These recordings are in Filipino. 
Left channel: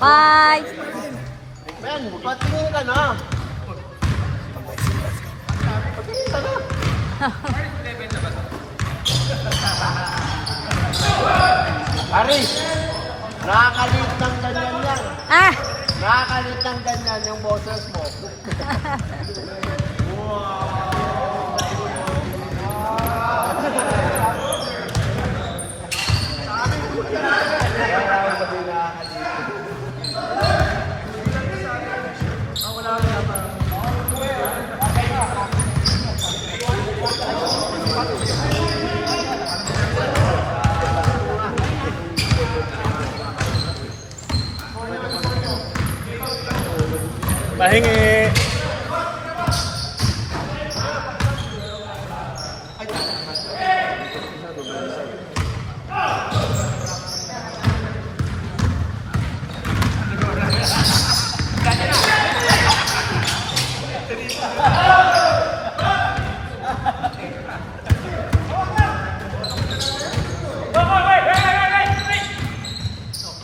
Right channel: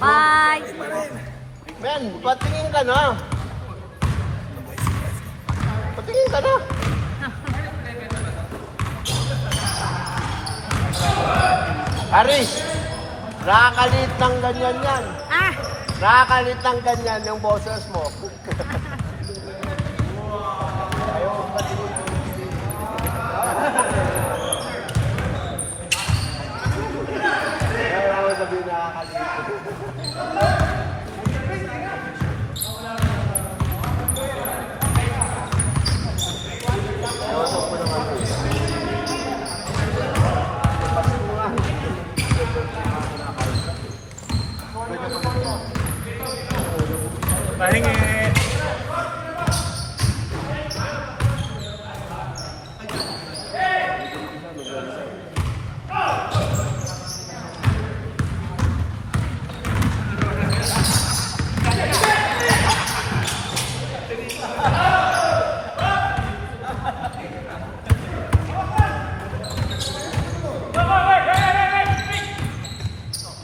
Bye! Ben, patingin ka na. Patingin ka na. Aris, nakakalit ng ganyan yan. Ah! Nakakalit ng ganyan yung boses mo. Wala ako sabihin nakakalit. Pahingi.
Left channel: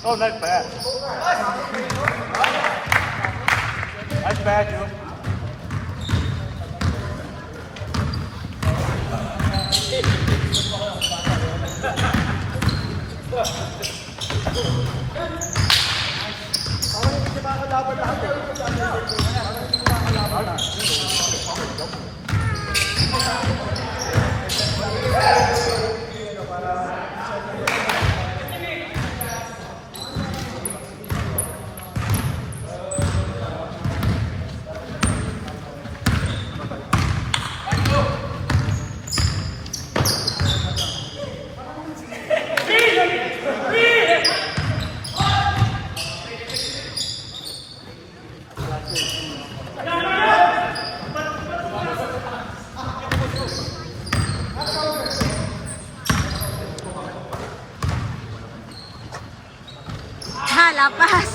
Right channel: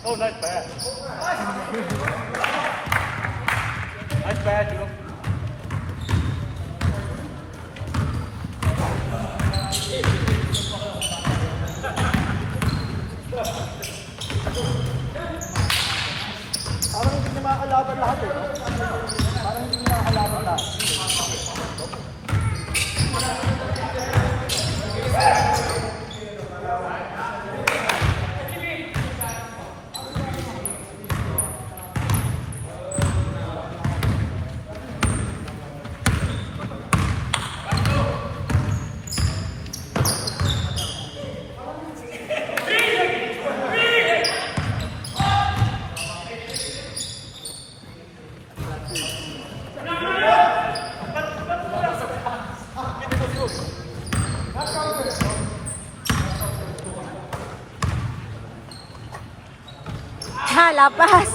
Oh, that's bad. That's bad, dude. Ha, lapas!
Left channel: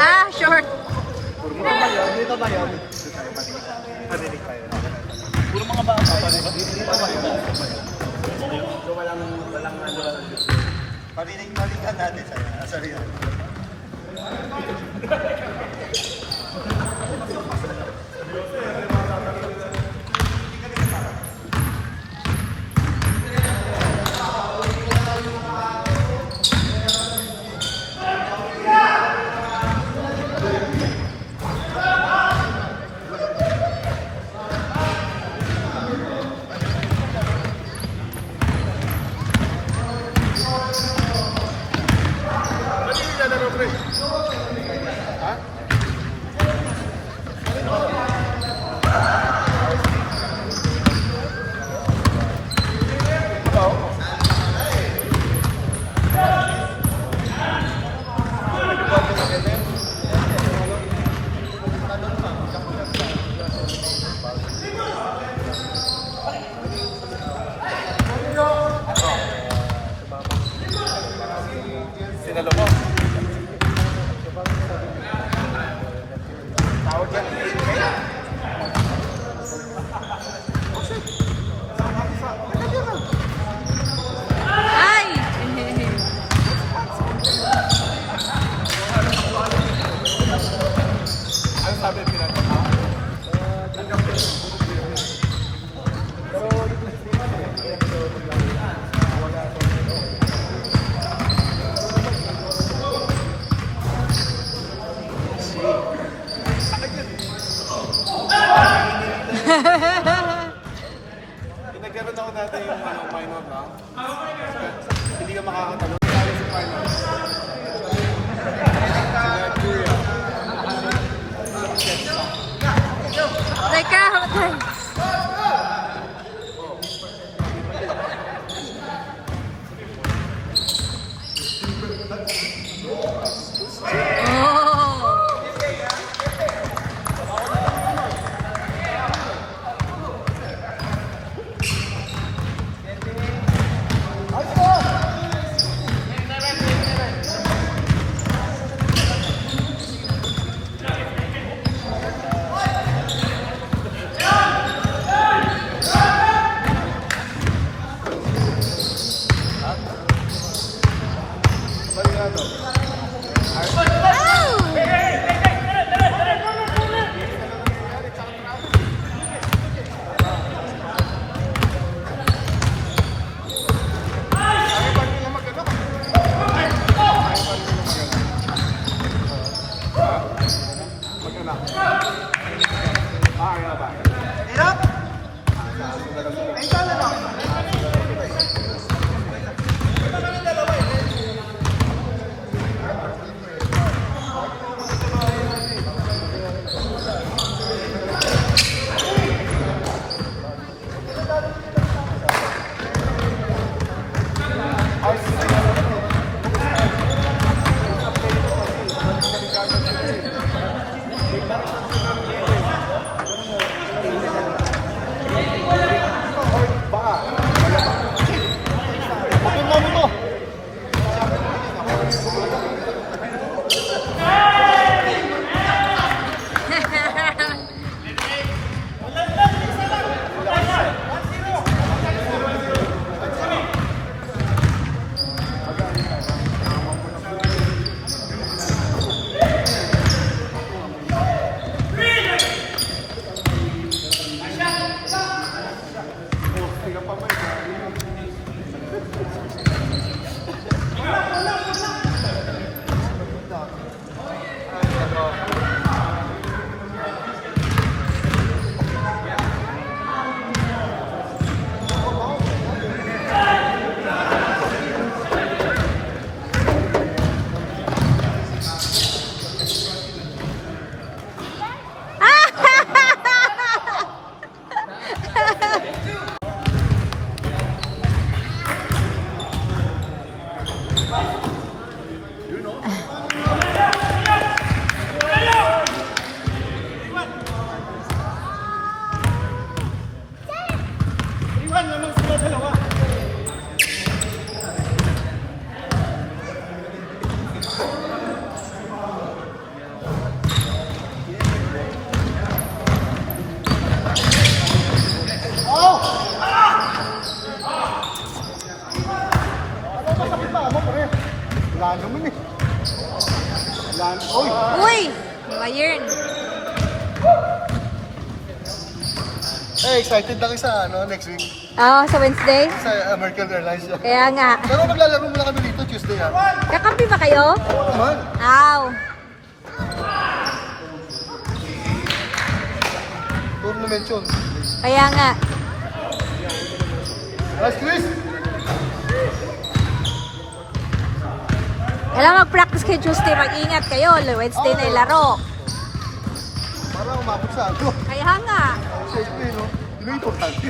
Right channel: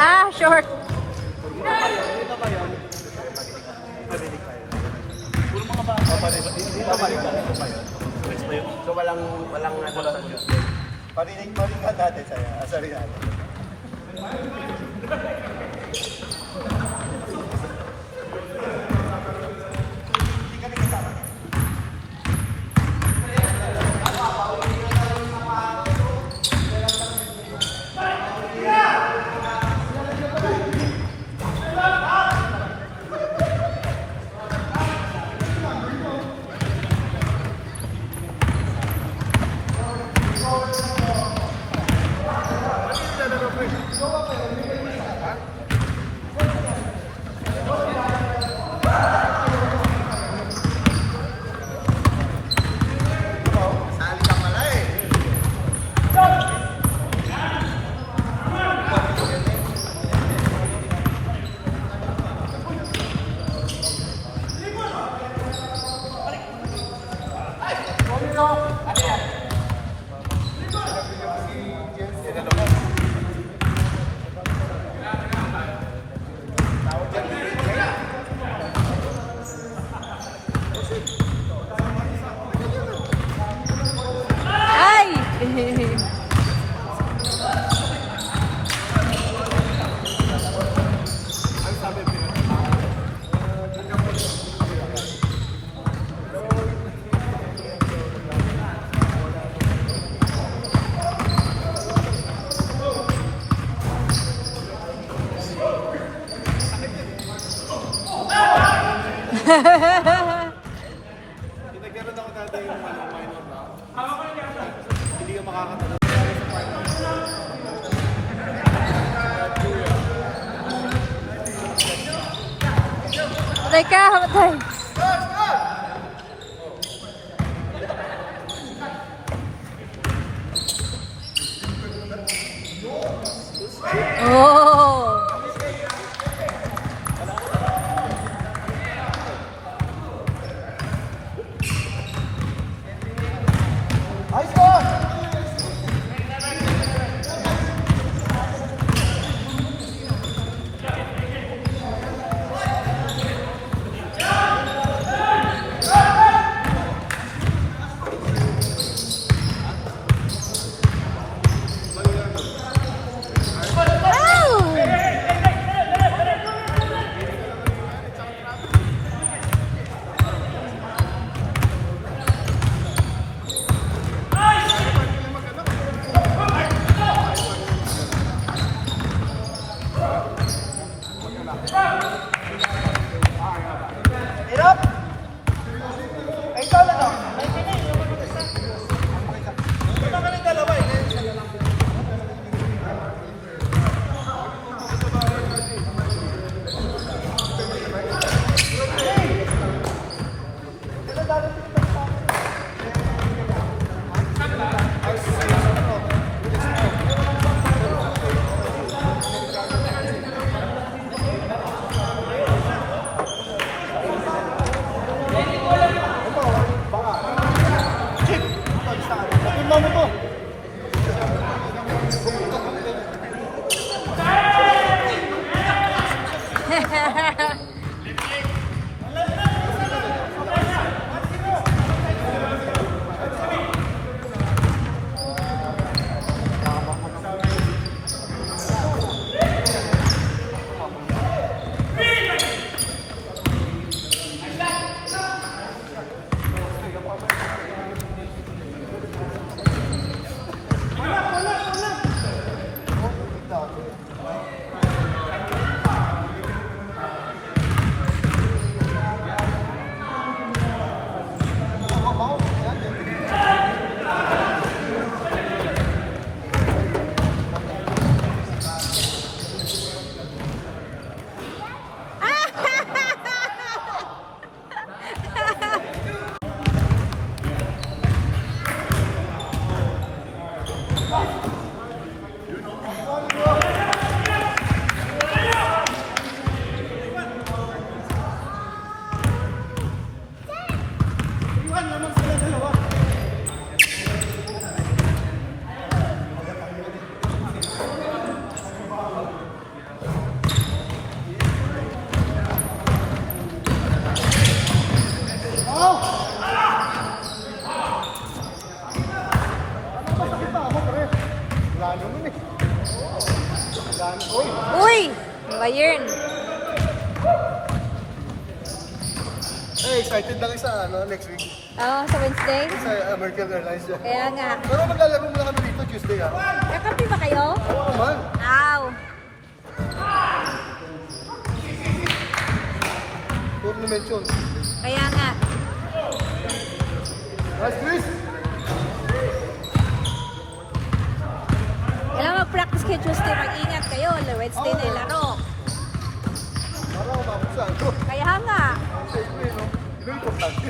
Ah, short. Puro mga bata. Dito ba yun? So walang ano sa YouTube. Parinig-parinig natin sa rin natin. Nagkaroon ako dati yung minor na. Hindi ka makakatalo. Tayo sa final. Teka, hanggang. Oh! Uy! Bayern. Excited lang isa, next week. Ah, sa Wednesday? Sa American Airlines yan. Kaya nga. Pero maglalaro muna kami dito Tuesday, ha? Kakampi ba kayo? Naman. Aw. Tournament yun. Kaya nga. Last Chris! Kailangan mag-practice kayo Tuesday. Mag-ingat kayo. Wednesday na yung laro. Para umapot sa ako. Kaya nga. Siyempre, no? Yun ang importante.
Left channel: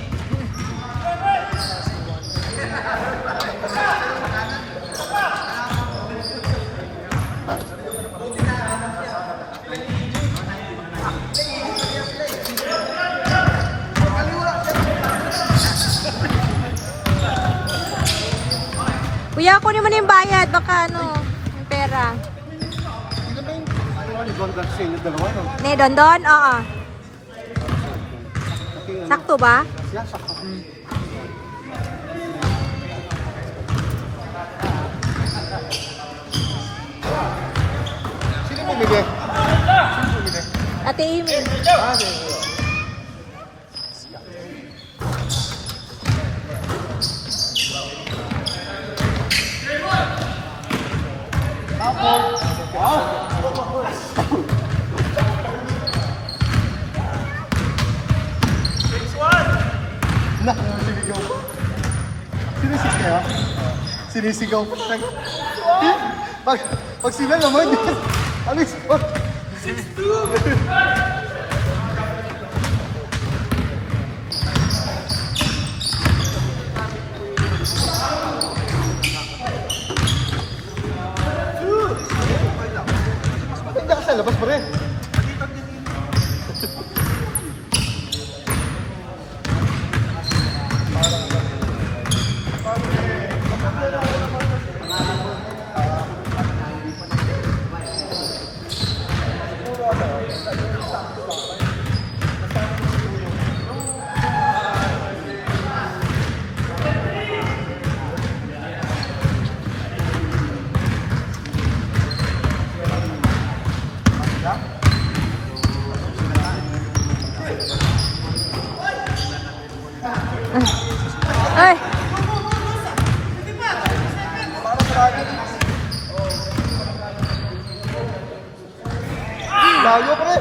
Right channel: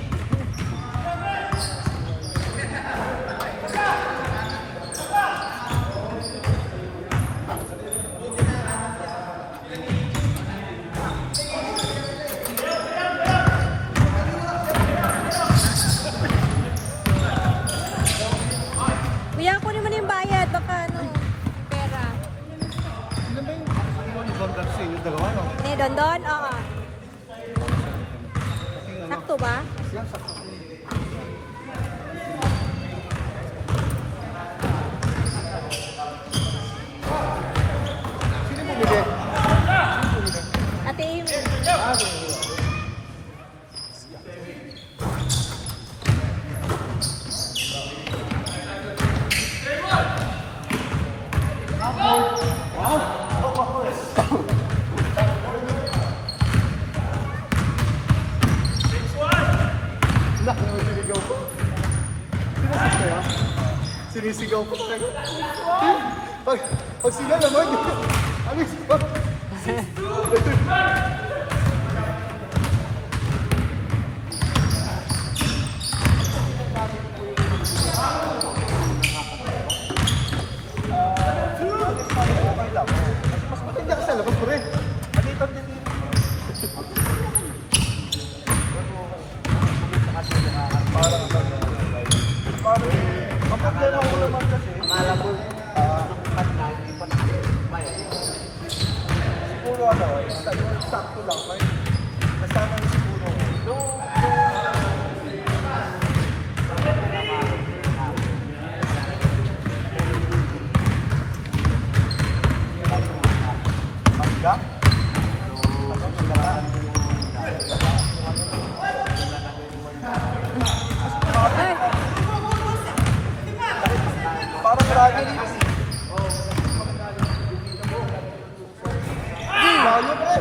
Kuya, kunin mo na yung bayad. Baka ano, yung pera. Ilan ba yung Don Garcia, yung dalawa, no? Ne, Don? Oo. Pati, ano? Sakto ba? Yeah, sakto. Sino bumili? Ate Amy. Sinisigaw ko. Sinisip kaya? Sinisigaw ko. Pag sila naman, alis mo. Mas maganda ka sa labas, pre. Ay! Layo, pre.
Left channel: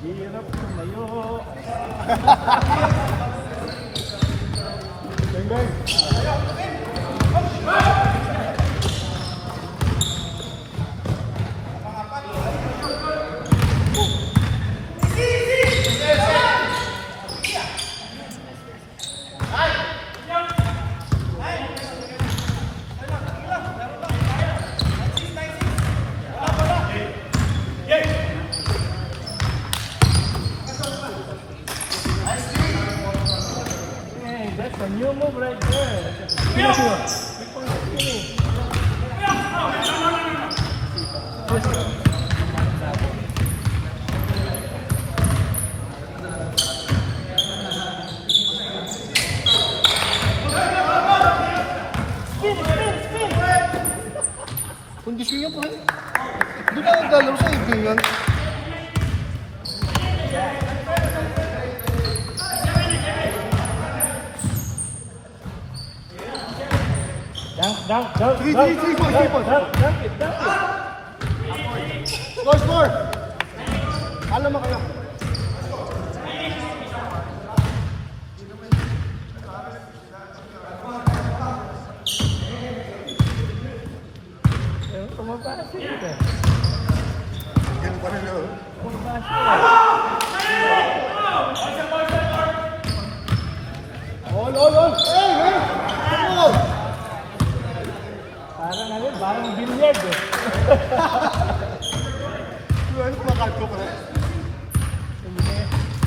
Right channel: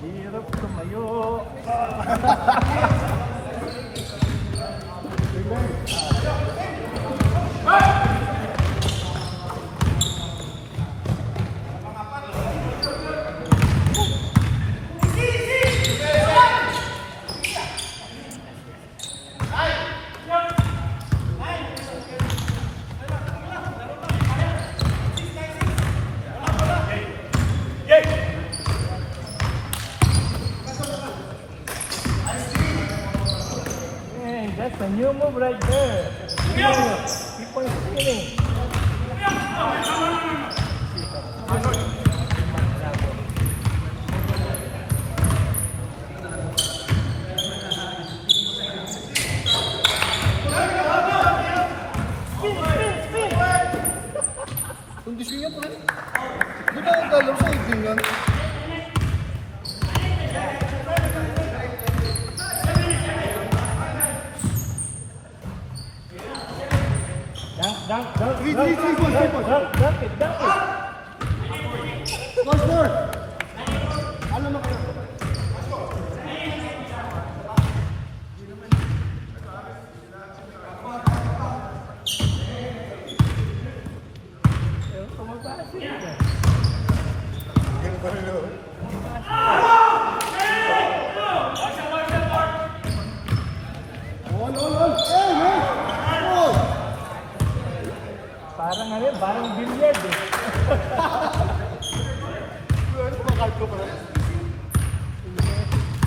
Hirap tumayo. Hey, that's a new move right there. Keep on spinning. Kondisyon yan, pre. Doon na ang galaw sa ibig yan. Dunk it. Score! Alam mo kayo. Ganun pa rin yun. Ol! Hey! Ol! Parang billiard eh. Ano kumakain ko, pre?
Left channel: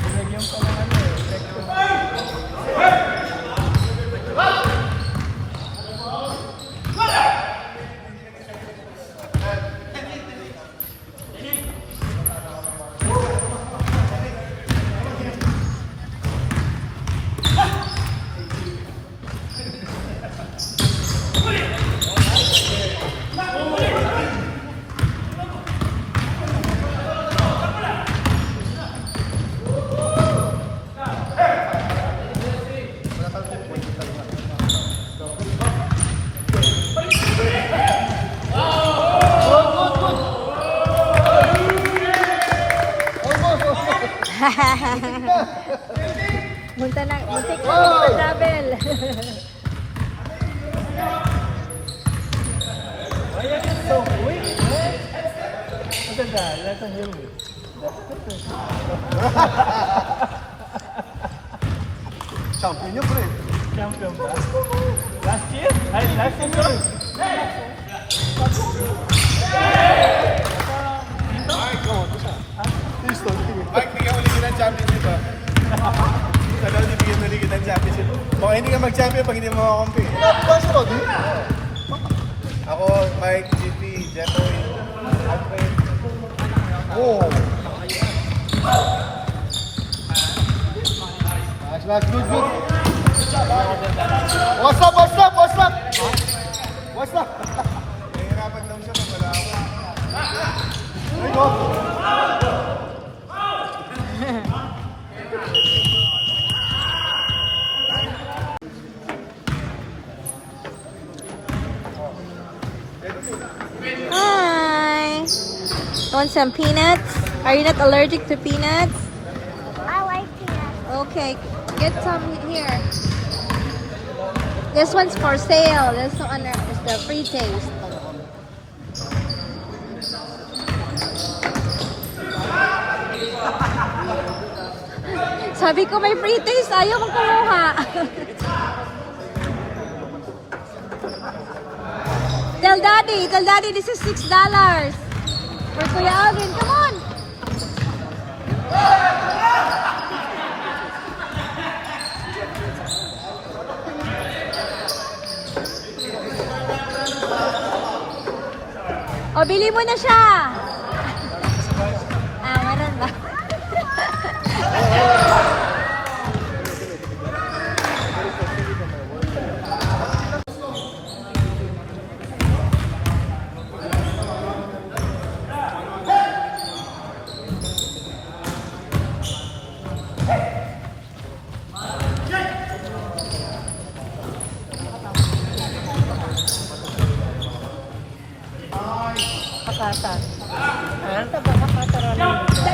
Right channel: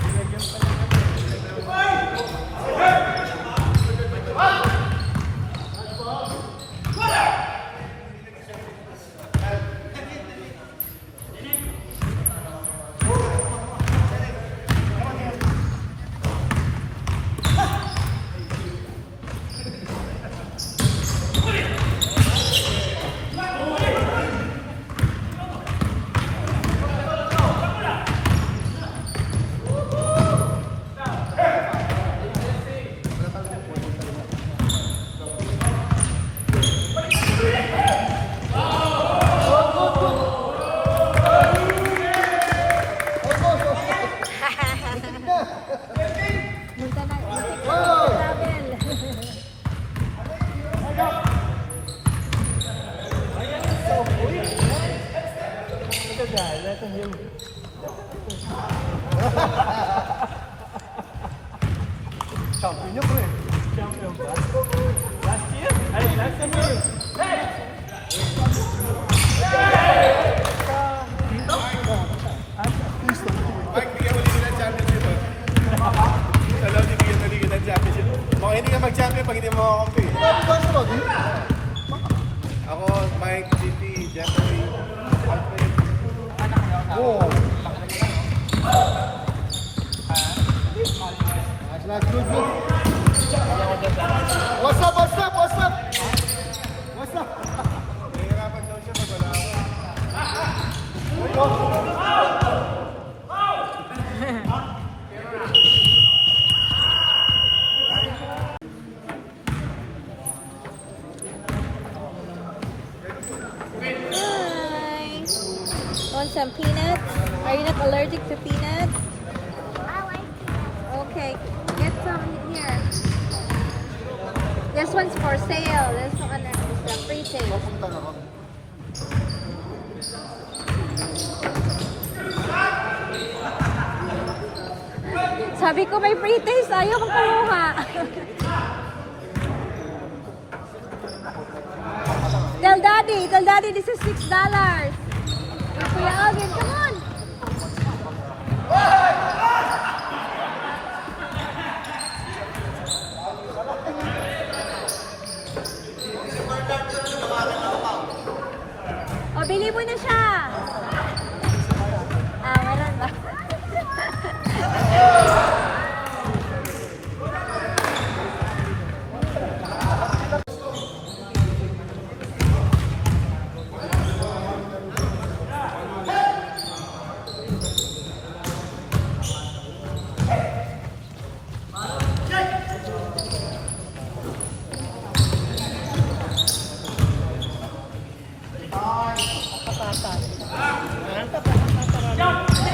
Nilagyan pa lang Muntik na travel. Champion niya, pre. champion ba? Last year? Last year? Mike, bigyan ulit kita ng championship, ha? Ano, bigyan ulit kita ng championship. Baka hindi ka mag-champion pag hindi mo makakampi. Ako, Mike, GP, Jeffrey, Alfred. Oh. Last good, good. What's up, what's up, what's up? What's up? Hi. Want some peanuts? Are you not allergic to peanuts? I like peanuts. Okay, get some here. This one's for sale. This one is the free taste. Sabi ko may free taste, ayaw mong kumuha. Tell daddy this is $6. For Kuya Alvin, come on. O, bili mo na siya. Ah, meron ba?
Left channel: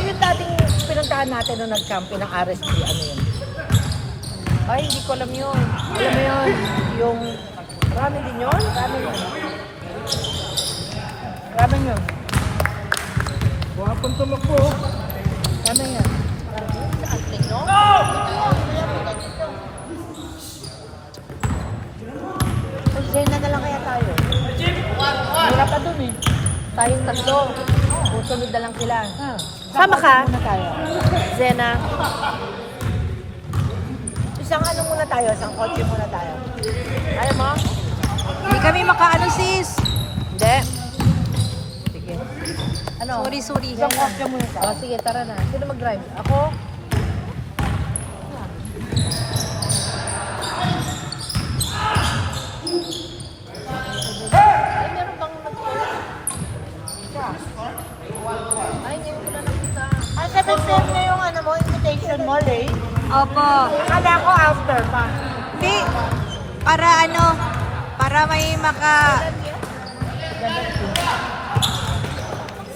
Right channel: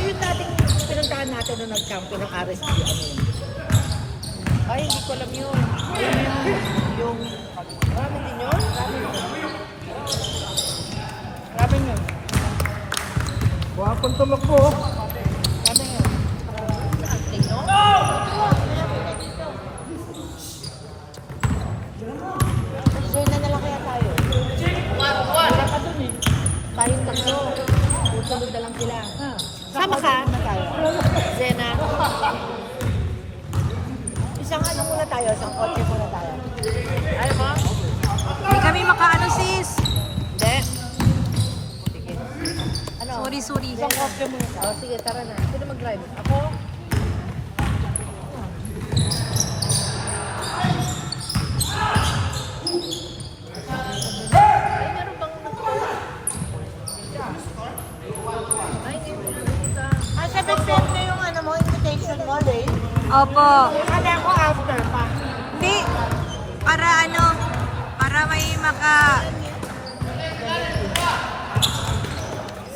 Yung dating pinuntahan natin nung nag-camping ng RSP, ano yun? Ay, hindi ko alam yun. Alam mo yun? Yung... Ramen din yun? Ramen yun. Buhapon tumakbo. Ramen yun. Sena na lang kaya tayo. Wala pa dun eh. Tayong tatlo. Susunod na lang sila. Sama ka? Zena. Isang ano muna tayo, isang kotse muna tayo. Hindi kami makaano sis. Hindi. Sige. Ano? Sorry. Isang kotse muna tayo. Oh, sige, tara na. Sino mag-drive? Ako? Opo. Kada ako after pa. Hindi. Para may maka...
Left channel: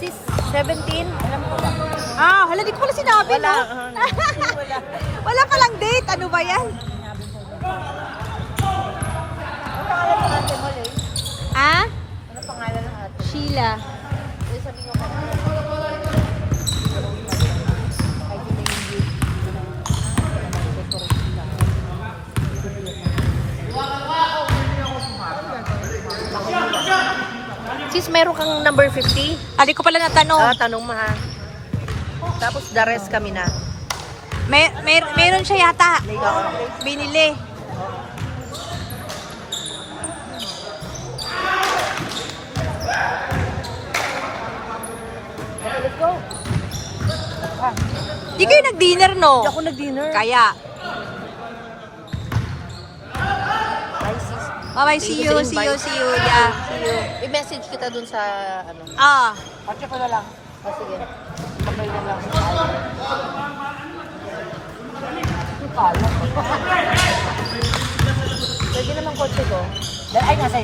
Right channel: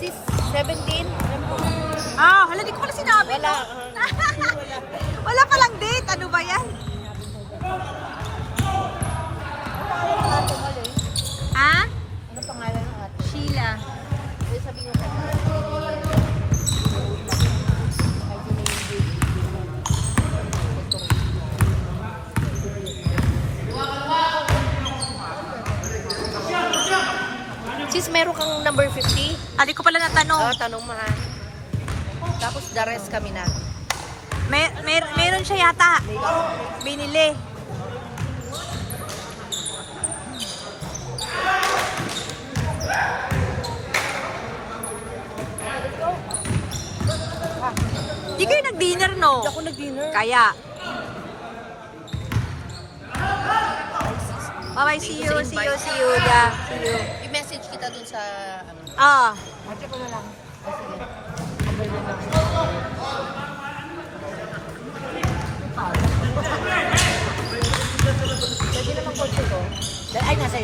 Sis, 17? Alam mo? Ah, hala, di ko pala sinabi, no? Wala palang date. Ano ba yan? Ah? Sheila. Sis, meron kang number 50? Ah, di ko pala natanong. Tanong mo ha. Tapos the rest kami na. Meron siya yata. Binili. Di kayo nag-dinner, no? Ako nag-dinner. Kaya. Bye-bye, see you. Yeah, see you. I-message kita dun sa ano. Ah. Watch ko na lang. Sige. Pagay na lang. Pwede naman kotse to. Ay, nasa